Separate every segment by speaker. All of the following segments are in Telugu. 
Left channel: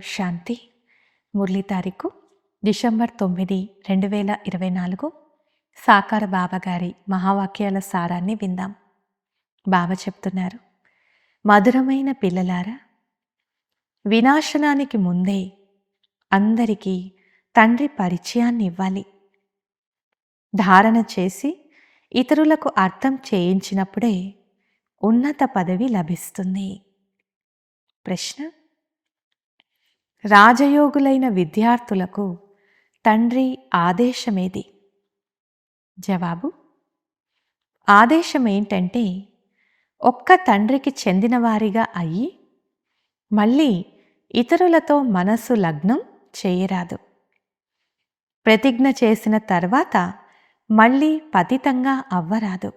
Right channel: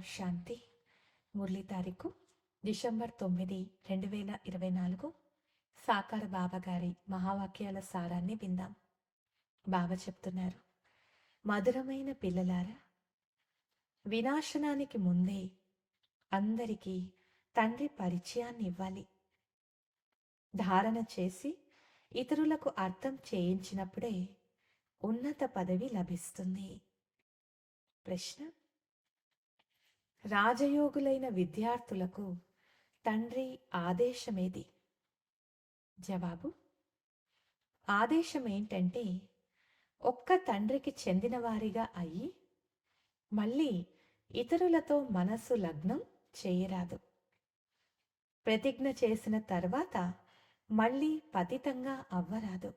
Speaker 1: శాంతి. మురళీ తారీఖు డిసెంబర్ తొమ్మిది రెండు వేల ఇరవై నాలుగు. సాకార బాబా గారి మహావాక్యాల సారాన్ని విందాం. బాబా చెప్తున్నారు మధురమైన పిల్లలారా వినాశనానికి ముందే అందరికీ తండ్రి పరిచయాన్ని ఇవ్వాలి ధారణ చేసి ఇతరులకు అర్థం చేయించినప్పుడే ఉన్నత పదవి లభిస్తుంది. ప్రశ్న రాజయోగులైన విద్యార్థులకు తండ్రి ఆదేశమేది? జవాబు ఆదేశం ఏంటంటే ఒక్క తండ్రికి చెందినవారిగా అయ్యి మళ్ళీ ఇతరులతో మనసు లగ్నం చేయరాదు. ప్రతిజ్ఞ చేసిన తర్వాత మళ్ళీ పతితంగా అవ్వరాదు.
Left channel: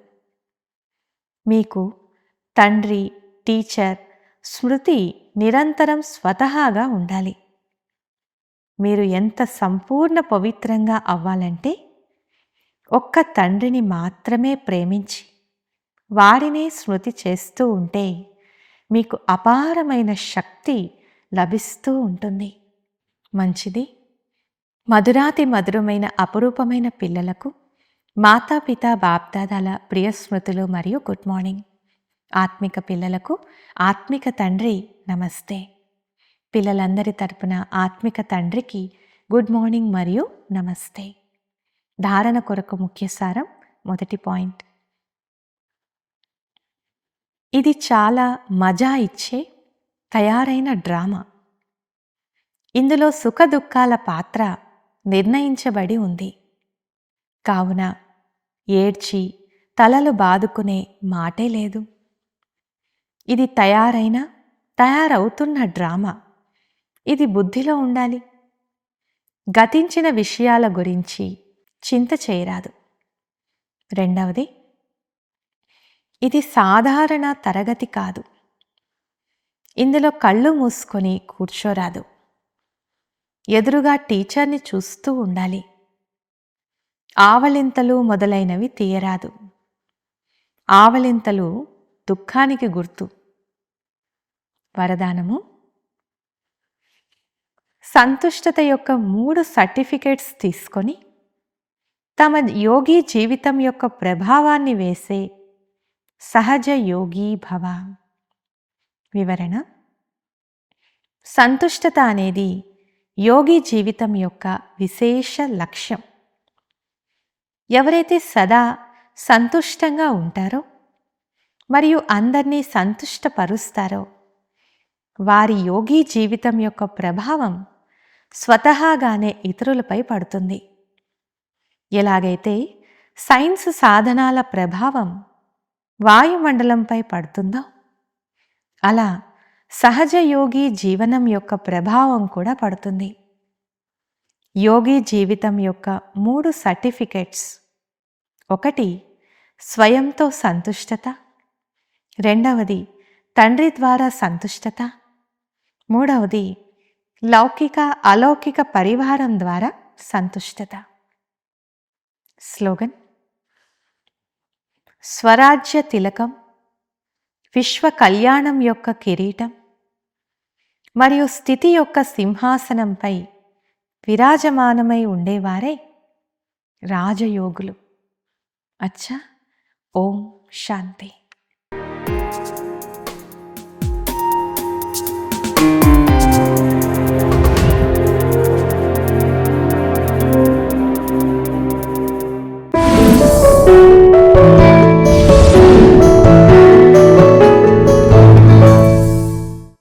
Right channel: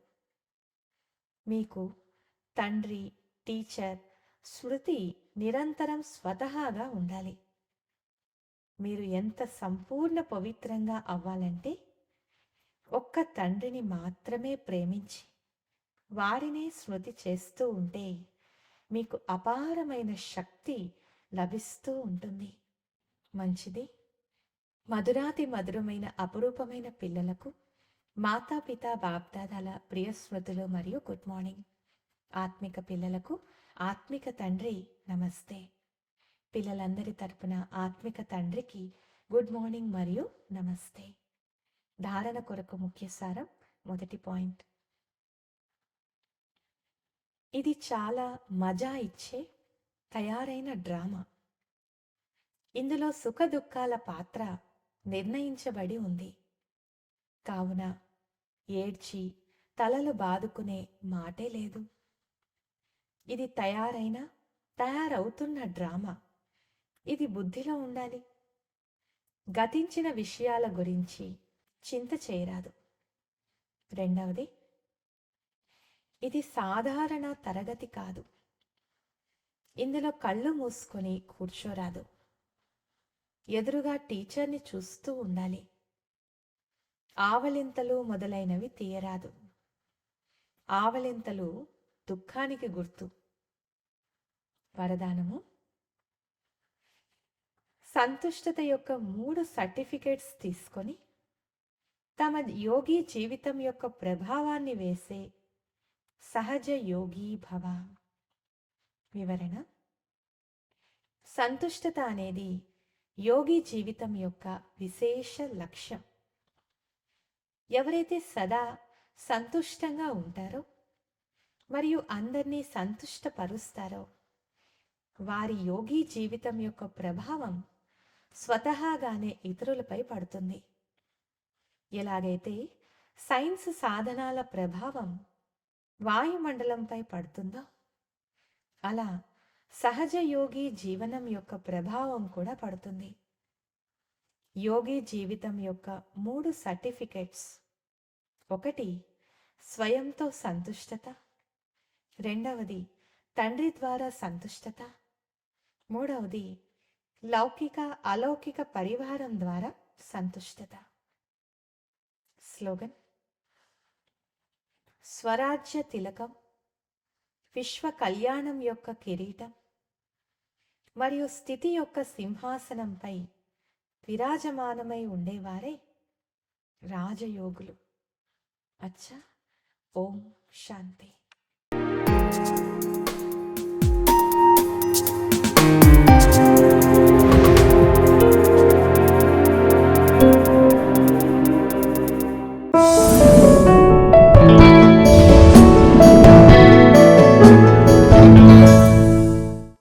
Speaker 1: మీకు తండ్రి టీచర్ స్మృతి నిరంతరం స్వతహాగా ఉండాలి. మీరు ఎంత సంపూర్ణ పవిత్రంగా అవ్వాలంటే ఒక్క తండ్రిని మాత్రమే ప్రేమించి వారినే స్మృతి చేస్తూ ఉంటే మీకు అపారమైన శక్తి లభిస్తూ ఉంటుంది. మంచిది. మధురాతి మధురమైన అపురూపమైన పిల్లలకు మాతాపిత బాప్దాదాల ప్రియ స్మృతులు మరియు గుడ్ మార్నింగ్. ఆత్మిక పిల్లలకు ఆత్మిక తండ్రి నమస్తే. పిల్లలందరి తరపున ఆత్మిక తండ్రికి గుడ్ మార్నింగ్ మరియు నమస్తే. ధారణ కొరకు ముఖ్య సారం మొదటి పాయింట్. ఇది చాలా మజా ఇచ్చే తయారైన డ్రామా. ఇందులో సుఖ దుఃఖాల పాత్ర నిర్ణయించబడి ఉంది. కావున ఏడ్చి తలలు బాదుకునే మాటే లేదు. ఇది తయారైన తయారవుతున్న డ్రామా. ఇది బుద్ధిలో ఉండాలి. గతించిన విషయాల గురించి చింత చేయరాదు. రెండవది ఇది సాధారణ తరగతి కాదు. ఇందులో కళ్ళు మూసుకొని కూర్చోరాదు. ఎదురుగా టీచర్ని చూస్తూ ఉండాలి. ఆవలింతలు మొదలైనవి తీయరాదు. ఆవలింతలు దుఃఖానికి గుర్తు. వరదానము సంతుష్టత యొక్క మూడు సర్టిఫికేట్స్ తీసుకొని తమ యోగి జీవితం యొక్క ప్రభావాన్ని వేసే సహజ యోగి భవ. వివరణ. సంతుష్టత అనేది యోగి జీవితం యొక్క విశేష లక్ష్యం. ఎవరైతే సదా సంతుష్టంగా ఉంటారో మరియు అందరినీ సంతుష్టపరుస్తారో వారి యోగి జీవితం యొక్క ప్రభావం స్వతహాగానే ఇతరులపై పడుతుంది. ఎలాగైతే సైన్స్ సాధనాల ప్రభావం వాయుమండలంపై పడుతుందో అలా సహజ యోగి జీవనం యొక్క ప్రభావం కూడా పడుతుంది. యోగి జీవితం యొక్క మూడు సర్టిఫికెట్స్. ఒకటి స్వయంతో సంతుష్టత. రెండవది తండ్రి ద్వారా సంతుష్టత. మూడవది లౌకిక అలౌకిక పరివారం ద్వారా సంతుష్టత. స్లోగన్. స్వరాజ్య తిలకం విశ్వ కళ్యాణం యొక్క కిరీటం మరియు స్థితి యొక్క సింహాసనంపై విరాజమానమై ఉండేవారే రాజయోగులు. అచ్చా ఓం శాంతి.